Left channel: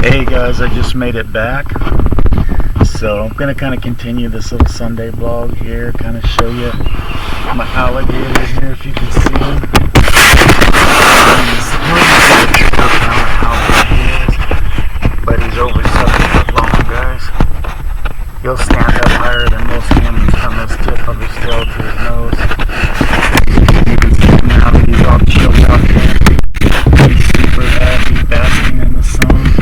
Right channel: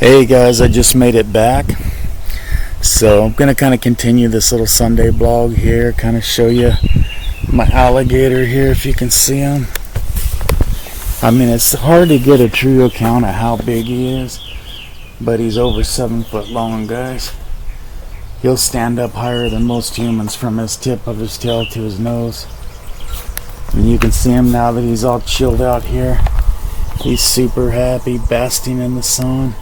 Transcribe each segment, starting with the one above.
Hey guys, I just made it back. So I'm gonna kind of continue this little Sunday vlog here, kind of show you my alligator here if you can see him. I mean, it's hard to get a true account of how big he is, but he's over 7 foot long, guys. He'll stand up higher than most humans from his tip of his tail to his nose. And you can see him now that he's all chilled out here. He's super happy, basking in the sun.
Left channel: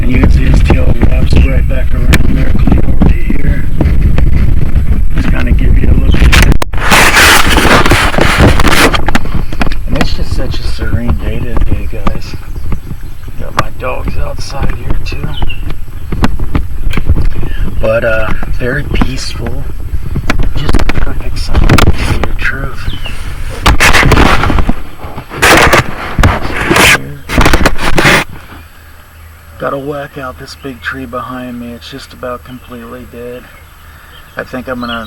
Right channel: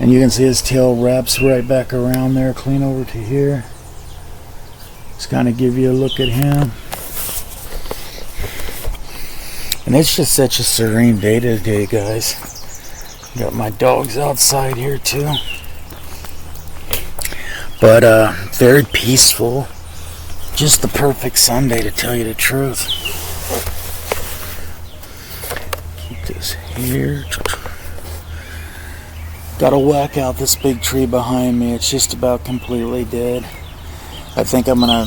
And you can see his tail wraps right back around there, clean over to here. Just kind of give you a look at him. And it's just such a serene day today, guys. Got my dogs outside here too. But very peaceful. Just the perfect Sunday, to tell you the truth. Here. Gotta whack out this big tree behind me. It's just about completely dead. I think I'm gonna,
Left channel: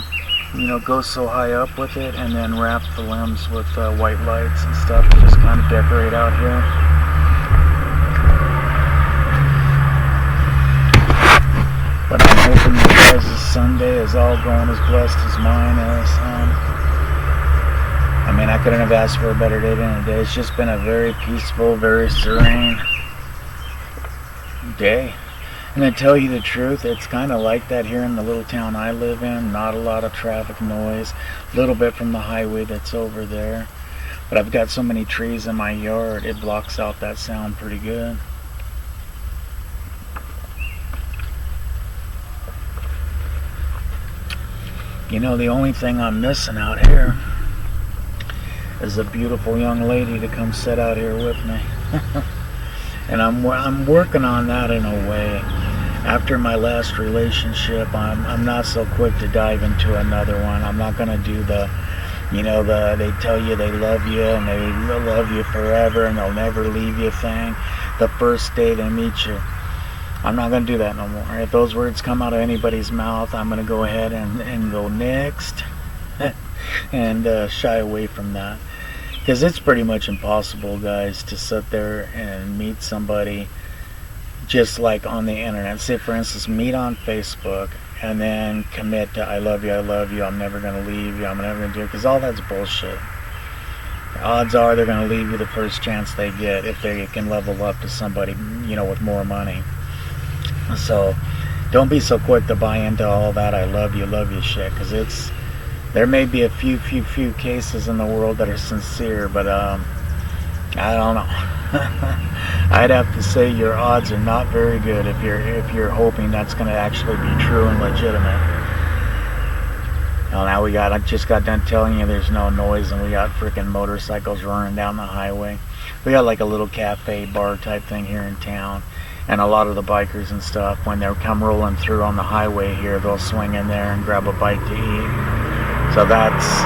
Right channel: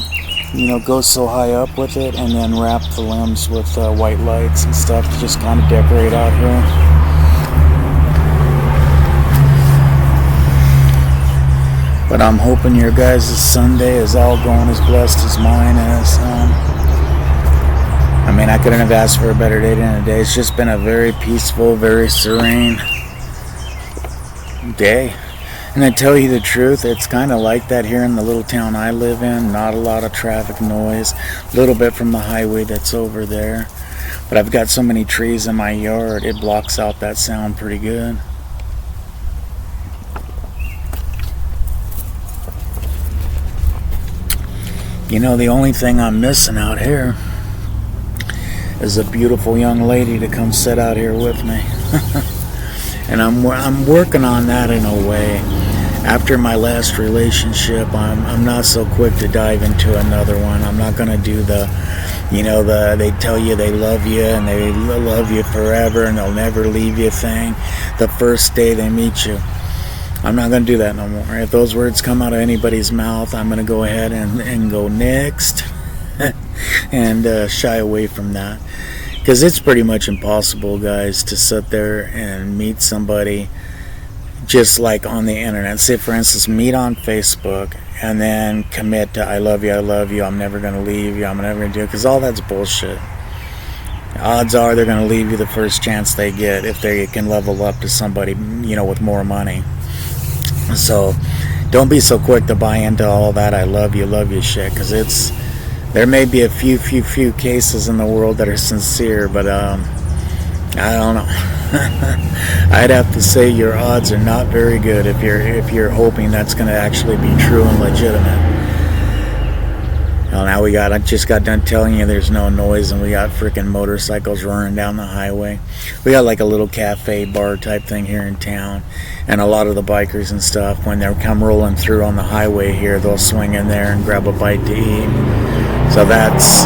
go so high up with it and then wrap the limbs with white lights and stuff to just kind of decorate out here. But I'm hoping your guys' Sunday is all going as blessed as mine is. I mean, I couldn't have asked for a better day than today. It's just been a very peaceful, very serene day. And to tell you the truth, it's kind of like that here in the little town I live in. Not a lot of traffic noise, a little bit from the highway that's over there, but I've got so many trees in my yard, it blocks out that sound pretty good. The only thing I'm missing out here is a beautiful young lady to come sit out here with me. And I'm working on that in a way. After my last relationship, I'm not so quick to dive into another one. I'm not gonna do they tell you they love you and they love you forever and they'll never leave you thing the first day they meet you. I'm not gonna do that no more. If those words come out of anybody's mouth, I'm gonna go ahead and go next and shy away from that. Because it's pretty much impossible, guys, to sit there and meet somebody just like on the internet. Say, for instance, meet on Facebook and then commit to I love you, I'm never going to leave you, I'm never going to do it. Because all that's bullshit. Odds are they're going to leave you the first chance they get if they can level up to somebody, with more money. So don't be so quick to buy into all that I love you shit. Because there may be a few cases in the world that are sincere, but I don't know. I'd have to say your odds are not very good if you're hoping that's going to actually be true and legitimate. Well, now I just got done telling you there's no noise and we got freaking motorcycles roaring down the highway. We got like a little cafe bar type thing here in town, and a lot of the bikers and stuff, when they come rolling through on the highway here, they'll swing in there and grab a bite to eat. So that's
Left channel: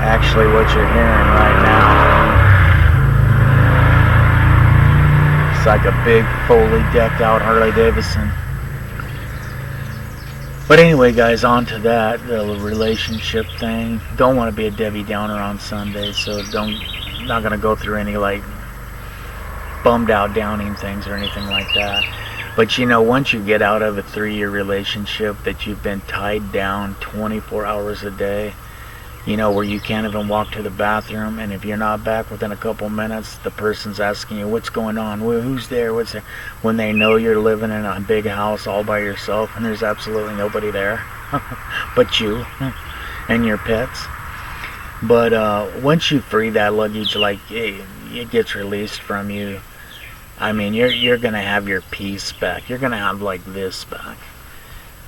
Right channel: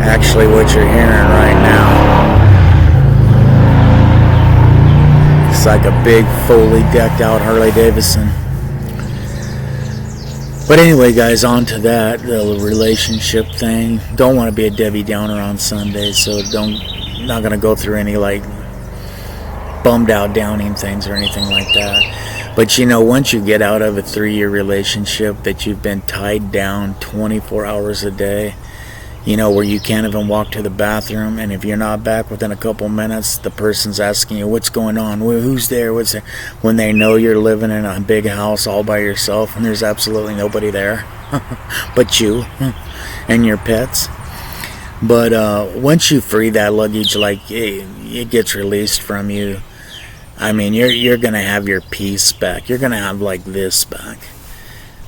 actually what you're hearing right now. It's like a big, fully decked out Harley Davidson. But anyway, guys, on to that, the relationship thing. Don't want to be a Debbie Downer on Sunday, so not going to go through any bummed out downing things or anything like that. But once you get out of a 3-year relationship that you've been tied down 24 hours a day, where you can't even walk to the bathroom, and if you're not back within a couple minutes, the person's asking you what's going on, who's there, what's there, when they know you're living in a big house all by yourself and there's absolutely nobody there but you and your pets. But once you free that luggage, it gets released from you, I mean, you're gonna have your peace back. You're gonna have this back,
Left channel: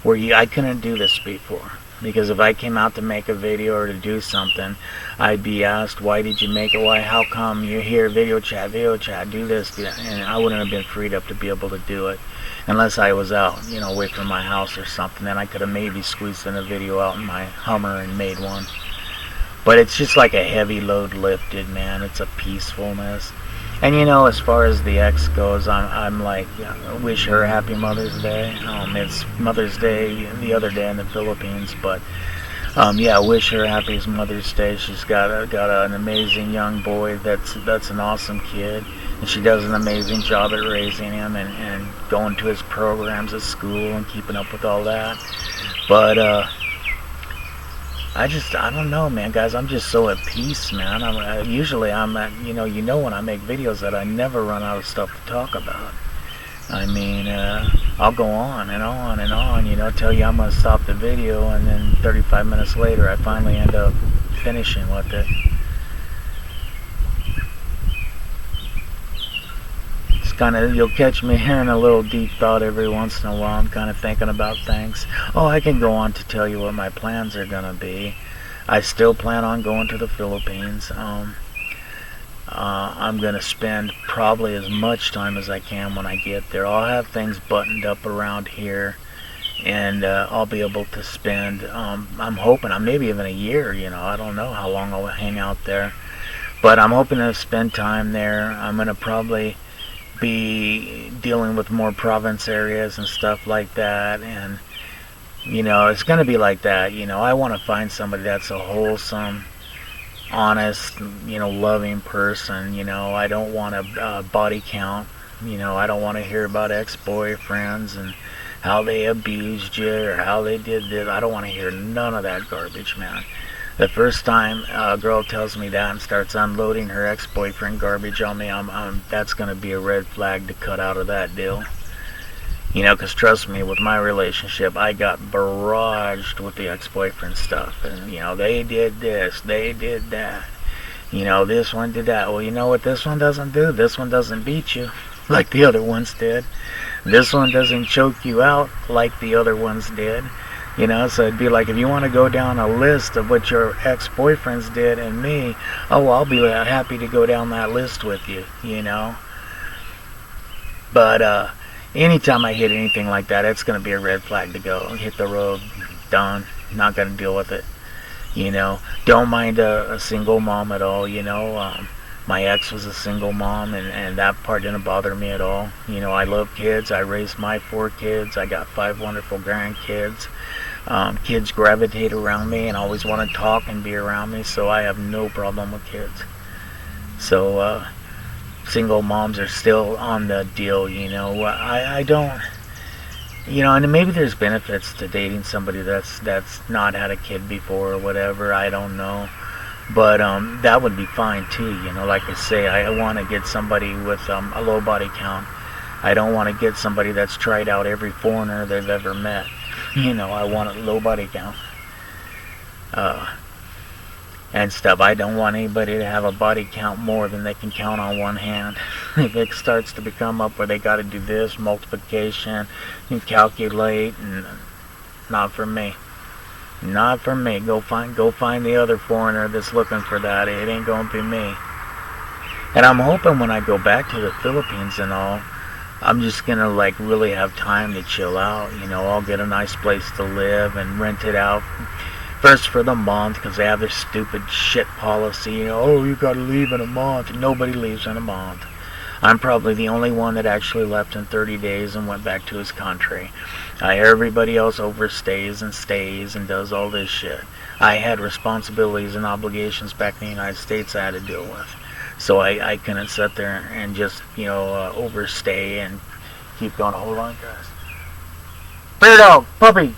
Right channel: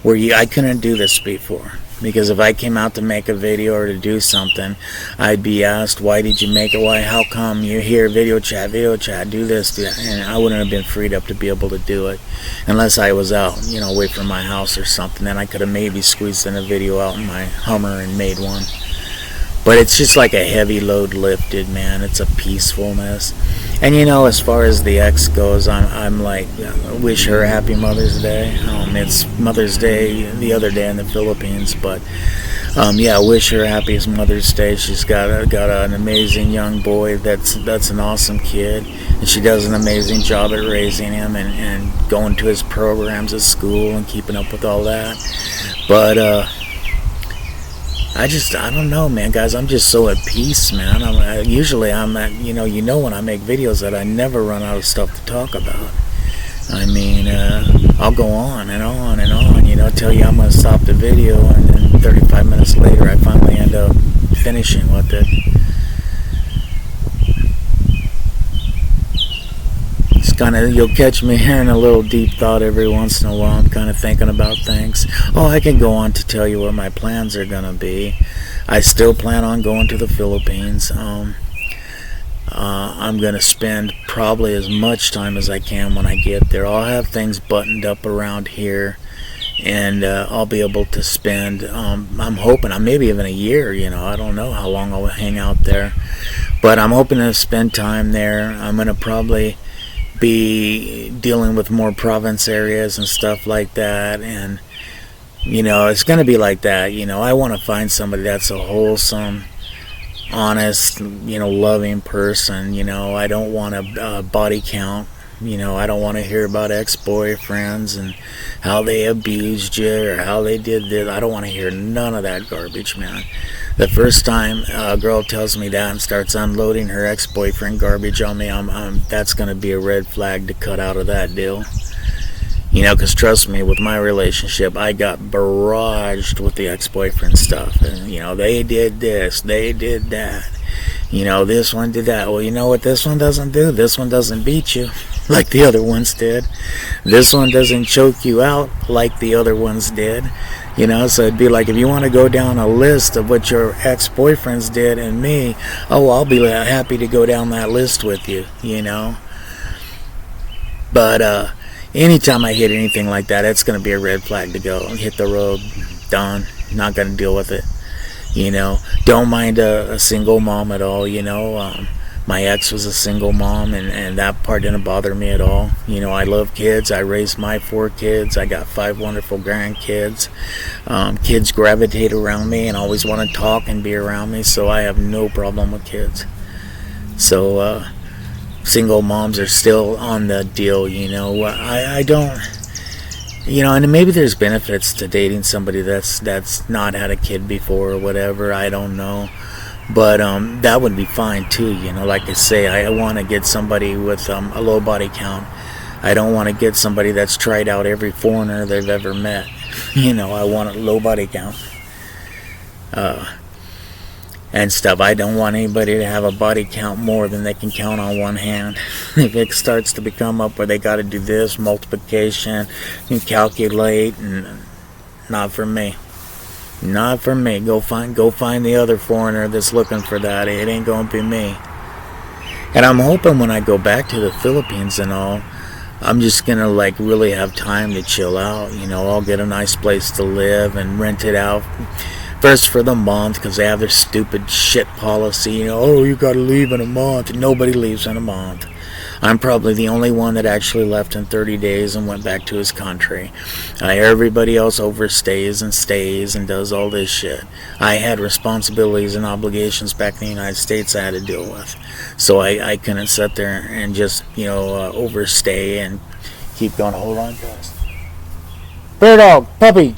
where I couldn't do this before. Because if I came out to make a video or to do something, I'd be asked, why did you make it? Why? How come? You're here, video chat, do this, do that. And I wouldn't have been freed up to be able to do it unless I was out, away from my house or something. Then I could have maybe squeezed in a video out in my Hummer and made one. But it's just like a heavy load lifted, man. It's a peacefulness. And as far as the ex goes, I'm like, wish her a happy Mother's Day. It's Mother's Day the other day in the Philippines, but Yeah, I wish her happiest Mother's Day. She's got an amazing young boy. That's an awesome kid, and she does an amazing job at raising him and going to his programs at school and keeping up with all that. But I don't know, man, guys. I'm just so at peace, man. Usually I'm at, when I make videos that I never run out of stuff to talk about. I mean, I'll go on and on and on, tell you I'm going to stop the video, and then 35 minutes later I finally end up finishing with it. It's kind of, you'll catch me here in a little deep thought every once in a while. I'm kind of thinking about things. Oh, I can go on to tell you what my plans are going to be. I still plan on going to the Philippines. I'm going to spend probably as much time as I can when I get there. I'll have things buttoned up around here, and I'll be able to spend, I'm hoping, maybe even a year, I don't know how long I'll hang out there. But I'm hoping to spend time there. I'm going to probably be dealing with more province areas and stuff like that, and it's going to be like that. I want to find somebody that's a wholesome, honest, loving person. I don't want a body count. I don't want to hear about ex-boyfriends and how they abused you or how they did this. I don't want to hear none of that garbage, man. The first time a girl tells me that and starts unloading her ex-boyfriend garbage on me, that's going to be a red flag to cut out of that deal. Because trust me, with my relationship, I got barraged with the ex-boyfriend stuff. And, they did this, they did that. This one did that. Well, you know what this one doesn't do? This one doesn't beat you like the other ones did. This one doesn't choke you out like the other ones did. So it'd be like, if you want to go down a list of what your ex-boyfriends did and me, I'll be happy to go down that list with you, But, anytime I hit anything like that, it's going to be a red flag to go. Hit the road, done. Not going to deal with it. Don't mind a single mom at all, My ex was a single mom, and that part didn't bother me at all. I love kids. I raised my 4 kids. I got 5 wonderful grandkids. Kids gravitate around me and always want to talk and be around me, so I have no problem with kids. So, single moms are still on the deal, I don't, and maybe there's benefits to dating somebody that's not had a kid before or whatever, I don't know. But that would be fine too, like I say, I want to get somebody with a low body count. I don't want to get somebody that's tried out every foreigner they've ever met. I want a low body count. And stuff. I don't want anybody to have a body count more than they can count on one hand. If it starts to become up where they got to do this, multiplication, and calculate, and not for me. Not for me. Go find the other foreigner that's looking for that. It ain't gonna be me. And I'm hoping when I go back to the Philippines and all, I'm just gonna really have time to chill out. I'll get a nice place to live and rent it out. First for the month, because they have their stupid shit policy, you gotta leave in a month. Nobody leaves in a month. I'm probably the only one that actually left in 30 days and went back to his country. Everybody else overstays and stays and does all this shit. I had responsibilities and obligations back in the United States I had to deal with. So I couldn't sit there and just, overstay and keep going. Hold on, guys. Bear dog, puppy,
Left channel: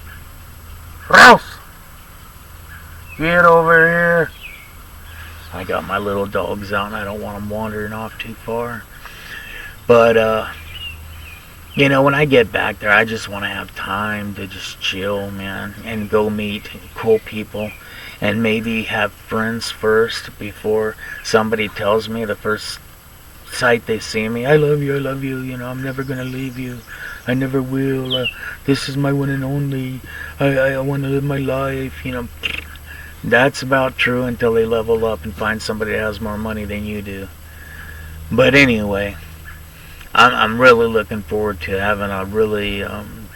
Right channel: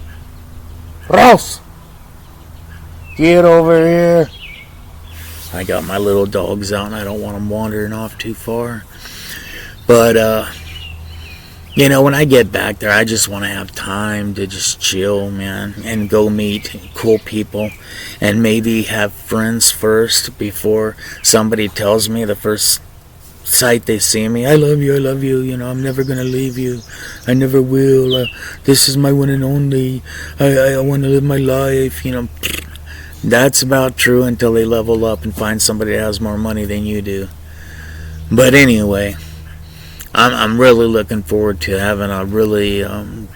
Ralph! Get over here. I got my little dogs out and I don't want them wandering off too far. But, when I get back there, I just want to have time to just chill, man, and go meet cool people and maybe have friends first before somebody tells me the first sight they see me, I love you, I'm never going to leave you. I never will. This is my one and only. I want to live my life, That's about true until they level up and find somebody that has more money than you do. But anyway, I'm really looking forward to having a really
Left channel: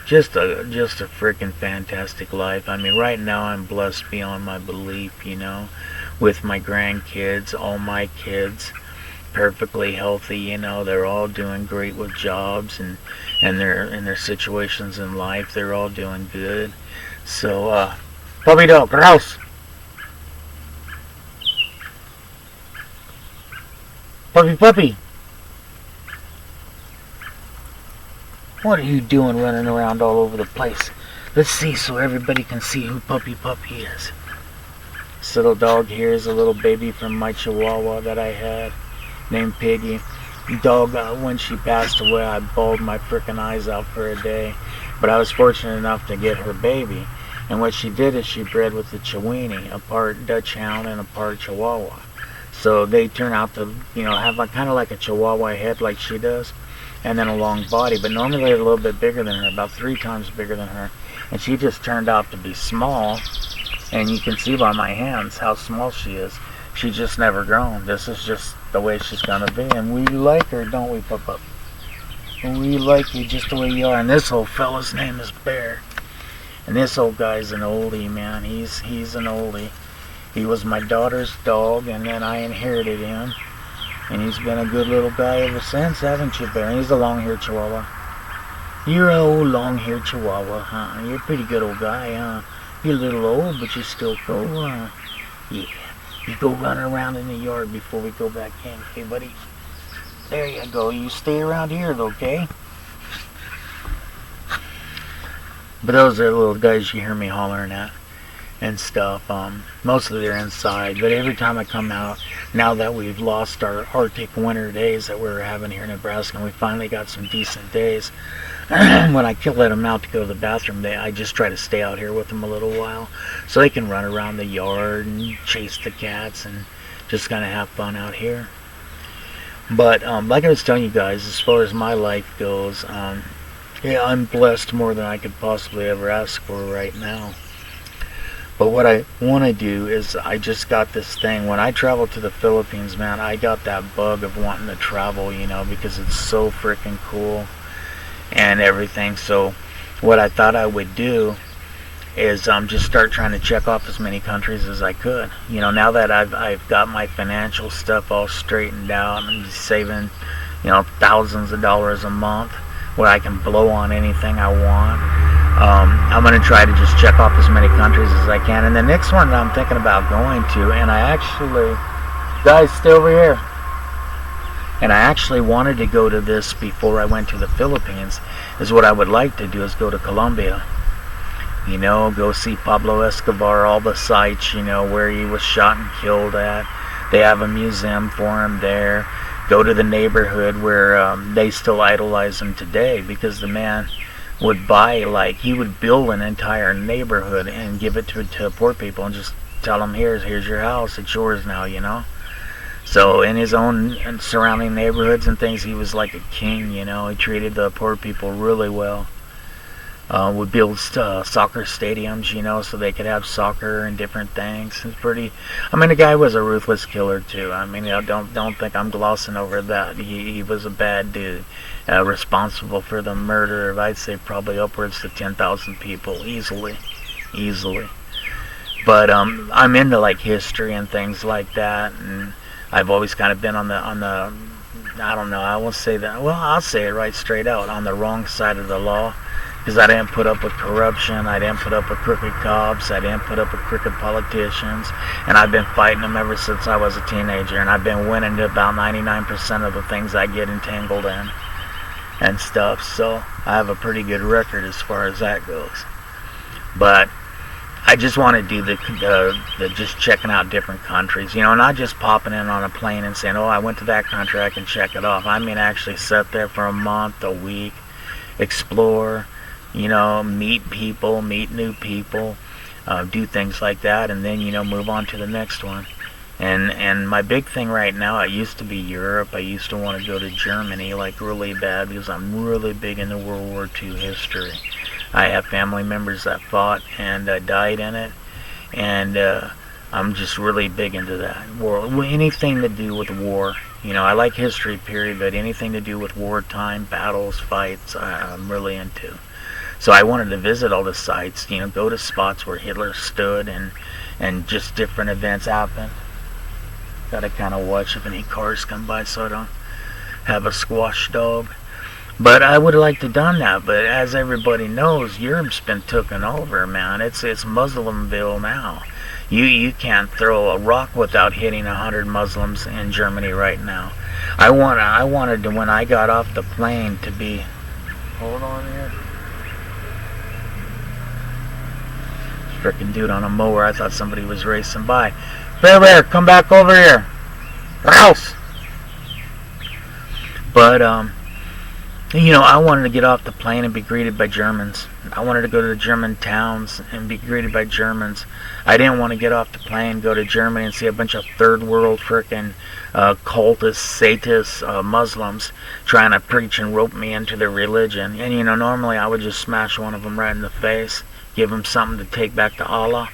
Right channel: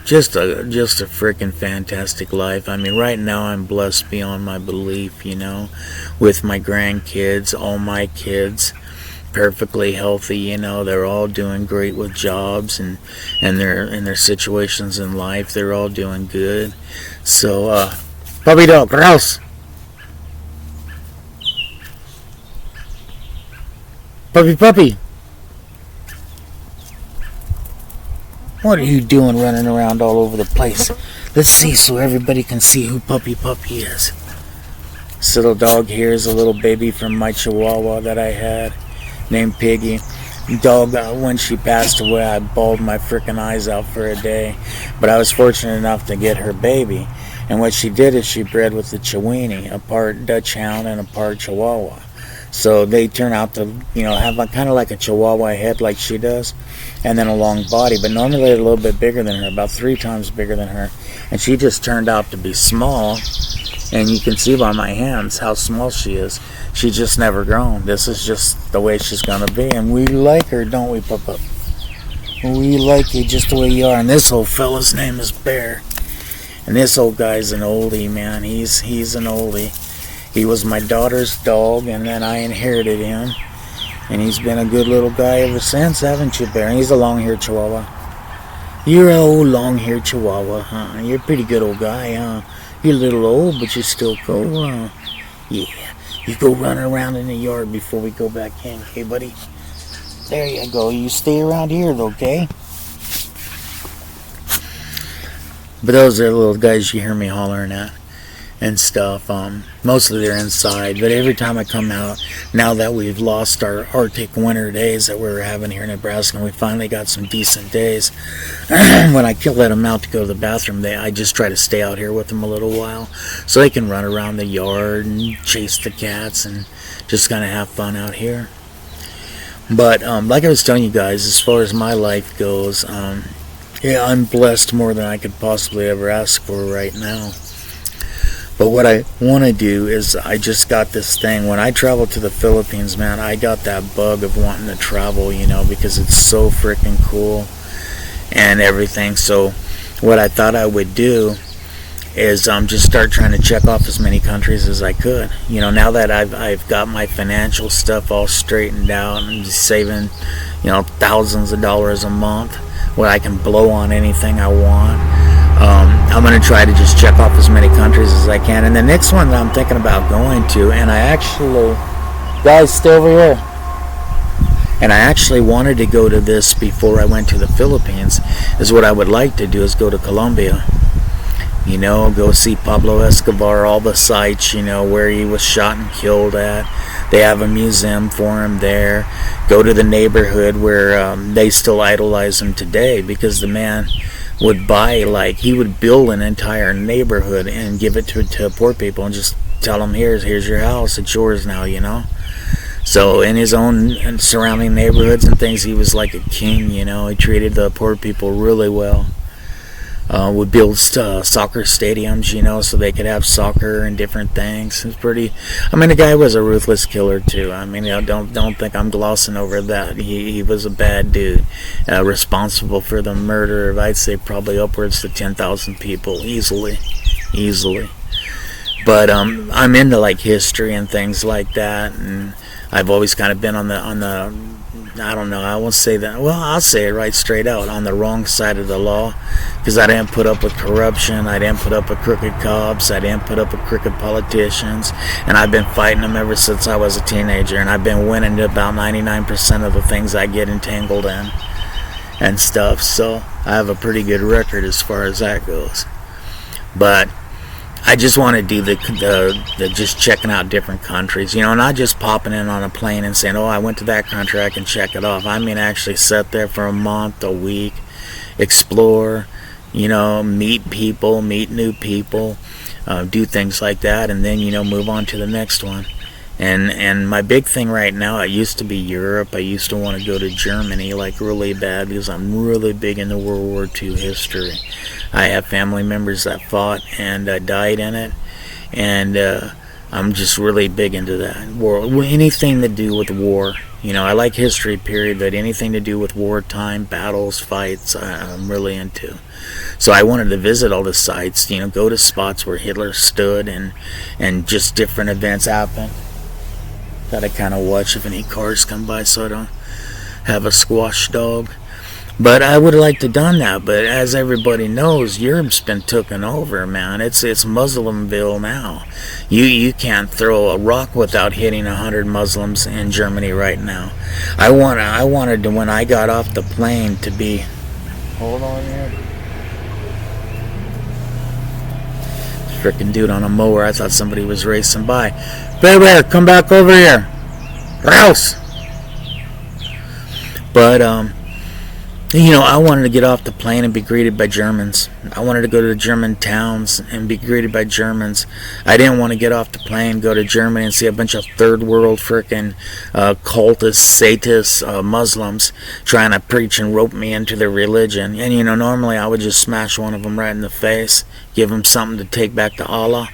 just a freaking fantastic life. I mean, right now I'm blessed beyond my belief, with my grandkids, all my kids, perfectly healthy, they're all doing great with jobs and their situations in life. They're all doing good. So Puppy dog, Rouse. Puppy. What are you doing running around all over the place? Let's see so everybody can see who Puppy is. This little dog here is a little baby from my Chihuahua that I had named Piggy. Dog, when she passed away, I bawled my frickin' eyes out for a day. But I was fortunate enough to get her baby. And what she did is she bred with the Chiweenie, a part Dutch Hound and a part Chihuahua. So they turn out to, have kind of like a Chihuahua head like she does, and then a long body. But normally they're a little bit bigger than her, about 3 times bigger than her. And she just turned out to be small. And you can see by my hands how small she is. She's just never grown. This is just the way she's going to be. And we like her, don't we, Papa? We like you just the way you are. And this old fella's name is Bear. And this old guy's an oldie, man. He's an oldie. He was my daughter's dog, and then I inherited him. And he's been a good little guy ever since, haven't you, Bear? He's a long-haired Chihuahua. You're an old long-haired Chihuahua, huh? You're a pretty good old guy, huh? You're a little old, but you're still cool, huh? Yeah. You go run around in the yard before we go back in, okay, buddy? There you go. You stay around here, though, okay? But those are the little guys you hear me hollering at and stuff. Mostly they're inside, but every time I come out, now that we've lost our Arctic winter days that we were having here in Nebraska, and we finally got some decent days, when I let them out to go to the bathroom, I just try to stay out here with them a little while so they can run around the yard and chase the cats and just kind of have fun out here. But like I was telling you guys, as far as my life goes, yeah, I'm blessed more than I could possibly ever ask for right now. But what I want to do is, I just got this thing. When I travel to the Philippines, man, I got that bug of wanting to travel, because it's so freaking cool and everything. So what I thought I would do is just start trying to check off as many countries as I could. Now that I've got my financial stuff all straightened out and saving, thousands of dollars a month, where I can blow on anything I want. I'm going to try to just check off as many countries as I can. And the next one that I'm thinking about going to, and I actually, guys, stay over here. And I actually wanted to go to this before I went to the Philippines, is what I would like to do is go to Colombia. Go see Pablo Escobar, all the sites, where he was shot and killed at. They have a museum for him there. Go to the neighborhood where they still idolize him today, because the man would he would build an entire neighborhood and give it to poor people and just tell them, here's your house, it's yours now, So in his own surrounding neighborhoods and things, he was like a king, He treated the poor people really well. Would build soccer stadiums, so they could have soccer and different things. It's pretty. The guy was a ruthless killer too. Don't think I'm glossing over that. He was a bad dude, responsible for the murder of, I'd say, probably upwards to 10,000 people easily. But I'm into history and things like that, and I've always kind of been on the I don't know, I won't say that. Well, I'll say it right straight out, on the wrong side of the law, because I didn't put up with corruption, I didn't put up with crooked cops, I didn't put up with crooked politicians, and I've been fighting them ever since I was a teenager, and I've been winning about 99% of the things I get entangled in and stuff, so I have a pretty good record as far as that goes. But I just want to do the just checking out different countries, not just popping in on a plane and saying, I went to that country, I can check it off. Actually sit there for a month, a week, explore, meet people, meet new people, do things like that, and then, move on to the next one. And my big thing right now, it used to be Europe. I used to want to go to Germany really bad, because I'm really big into World War II history. I have family members that fought and died in it, and I'm just really big into that. Anything to do with war. I like history, period, but anything to do with wartime, battles, fights, I'm really into. So I wanted to visit all the sites, go to spots where Hitler stood, and just different events happened. Gotta kind of watch if any cars come by so I don't have a squash dog. But I would have liked to done that. But as everybody knows, Europe's been taken over, man. It's Muslimville now. You can't throw a rock without hitting 100 Muslims in Germany right now. I wanted to, when I got off the plane, to be. Hold on here. Freaking dude on a mower. I thought somebody was racing by. Bear, come back over here. House. But I wanted to get off the plane and be greeted by Germans. I wanted to go to the German towns and be greeted by Germans. I didn't want to get off the plane, go to Germany and see a bunch of third world frickin' cultists, sadists, Muslims trying to preach and rope me into their religion. And normally I would just smash one of them right in the face, give them something to take back to Allah.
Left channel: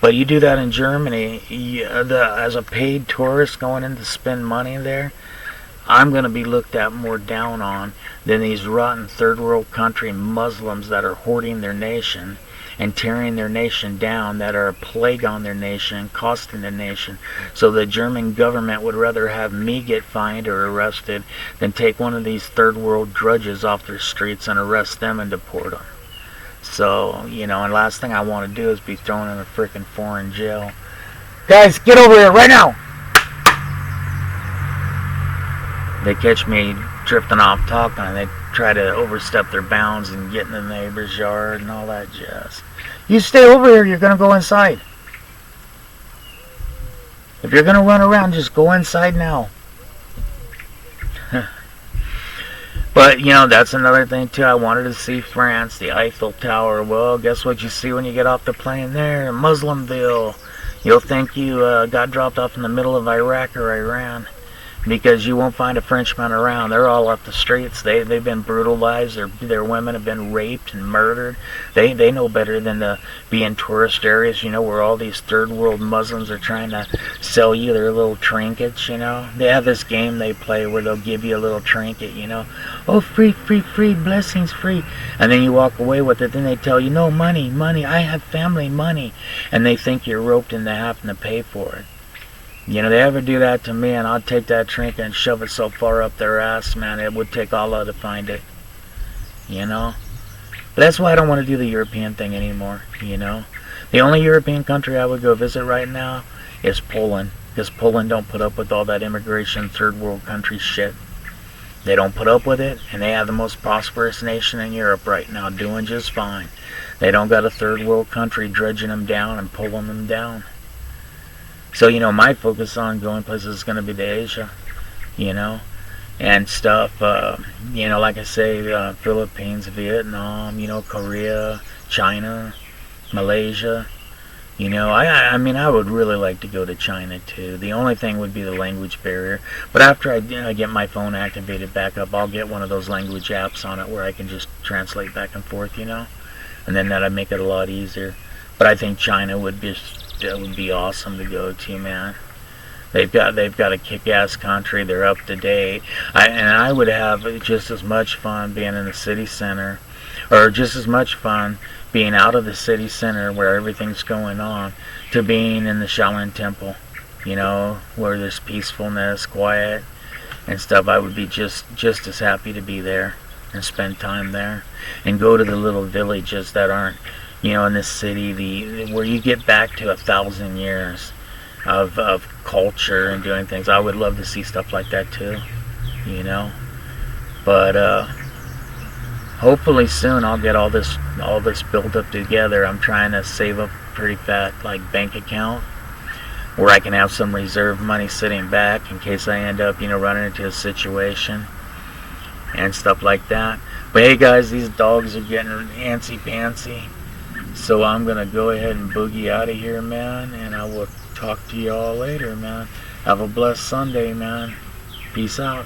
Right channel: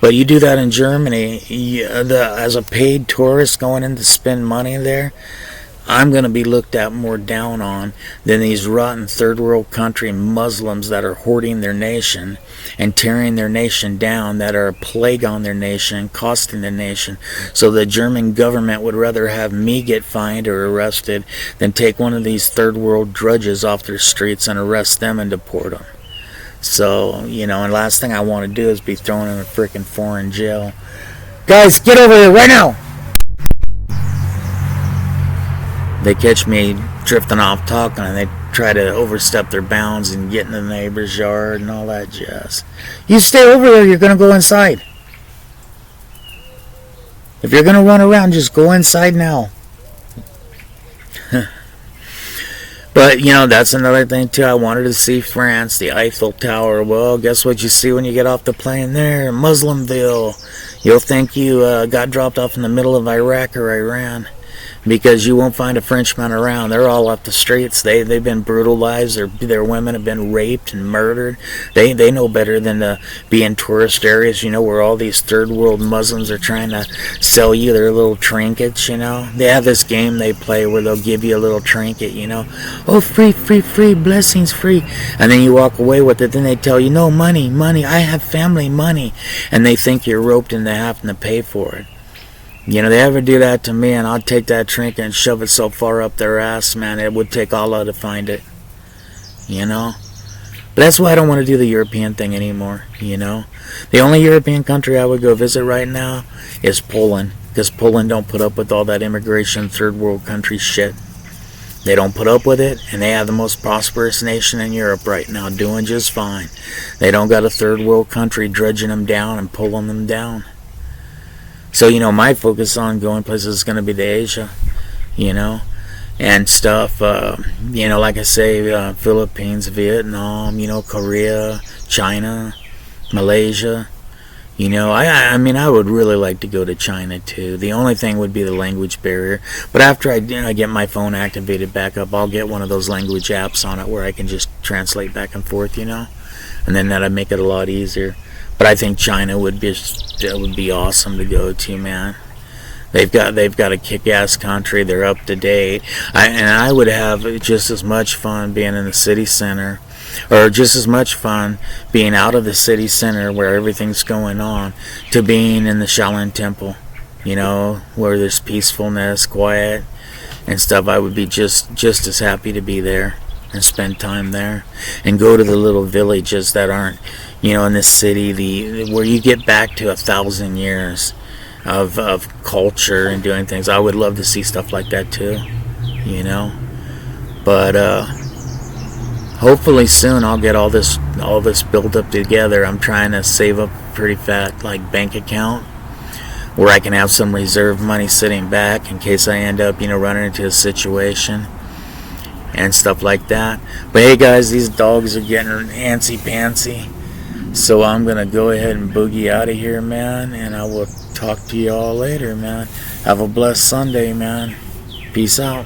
But you do that in Germany, as a paid tourist going in to spend money there, I'm going to be looked at more down on than these rotten third world country Muslims that are hoarding their nation and tearing their nation down, that are a plague on their nation, costing the nation. So the German government would rather have me get fined or arrested than take one of these third world drudges off their streets and arrest them and deport them. So, and last thing I want to do is be thrown in a freaking foreign jail. Guys, get over here right now! They catch me drifting off talking and they try to overstep their bounds and get in the neighbor's yard and all that jazz. You stay over here, you're going to go inside. If you're going to run around, just go inside now. But, that's another thing too. I wanted to see France, the Eiffel Tower. Well, guess what you see when you get off the plane there? Muslimville. You'll think you got dropped off in the middle of Iraq or Iran. Because you won't find a Frenchman around. They're all up the streets. They've been brutalized. Their women have been raped and murdered. They know better than to be in tourist areas, where all these third world Muslims are trying to sell you their little trinkets, They have this game they play where they'll give you a little trinket, Oh, free, blessings free. And then you walk away with it. Then they tell you, no, money, I have family, money. And they think you're roped into having to pay for it. They ever do that to me, and I'll take that trinket and shove it so far up their ass, man, it would take Allah to find it. But that's why I don't want to do the European thing anymore, The only European country I would go visit right now is Poland, because Poland don't put up with all that immigration third world country shit. They don't put up with it, and they have the most prosperous nation in Europe right now, doing just fine. They don't got a third world country dredging them down and pulling them down. So, my focus on going places is going to be to Asia, and stuff, like I say, Philippines, Vietnam, Korea, China, Malaysia, I would really like to go to China too. The only thing would be the language barrier, but after I get my phone activated back up, I'll get one of those language apps on it where I can just translate back and forth, and then that'd make it a lot easier. But I think China would be awesome to go to, man. They've got a kick-ass country. They're up to date. I would have just as much fun being in the city center, or just as much fun being out of the city center where everything's going on, to being in the Shaolin Temple, where there's peacefulness, quiet, and stuff. I would be just as happy to be there and spend time there, and go to the little villages that aren't, in this city, where you get back to 1,000 years of culture and doing things. I would love to see stuff like that too, But hopefully soon I'll get all this built up together. I'm trying to save up a pretty fat bank account where I can have some reserve money sitting back in case I end up running into a situation and stuff like that. But hey guys, these dogs are getting antsy-pantsy. So I'm going to go ahead and boogie out of here, man. And I will talk to you all later, man. Have a blessed Sunday, man. Peace out.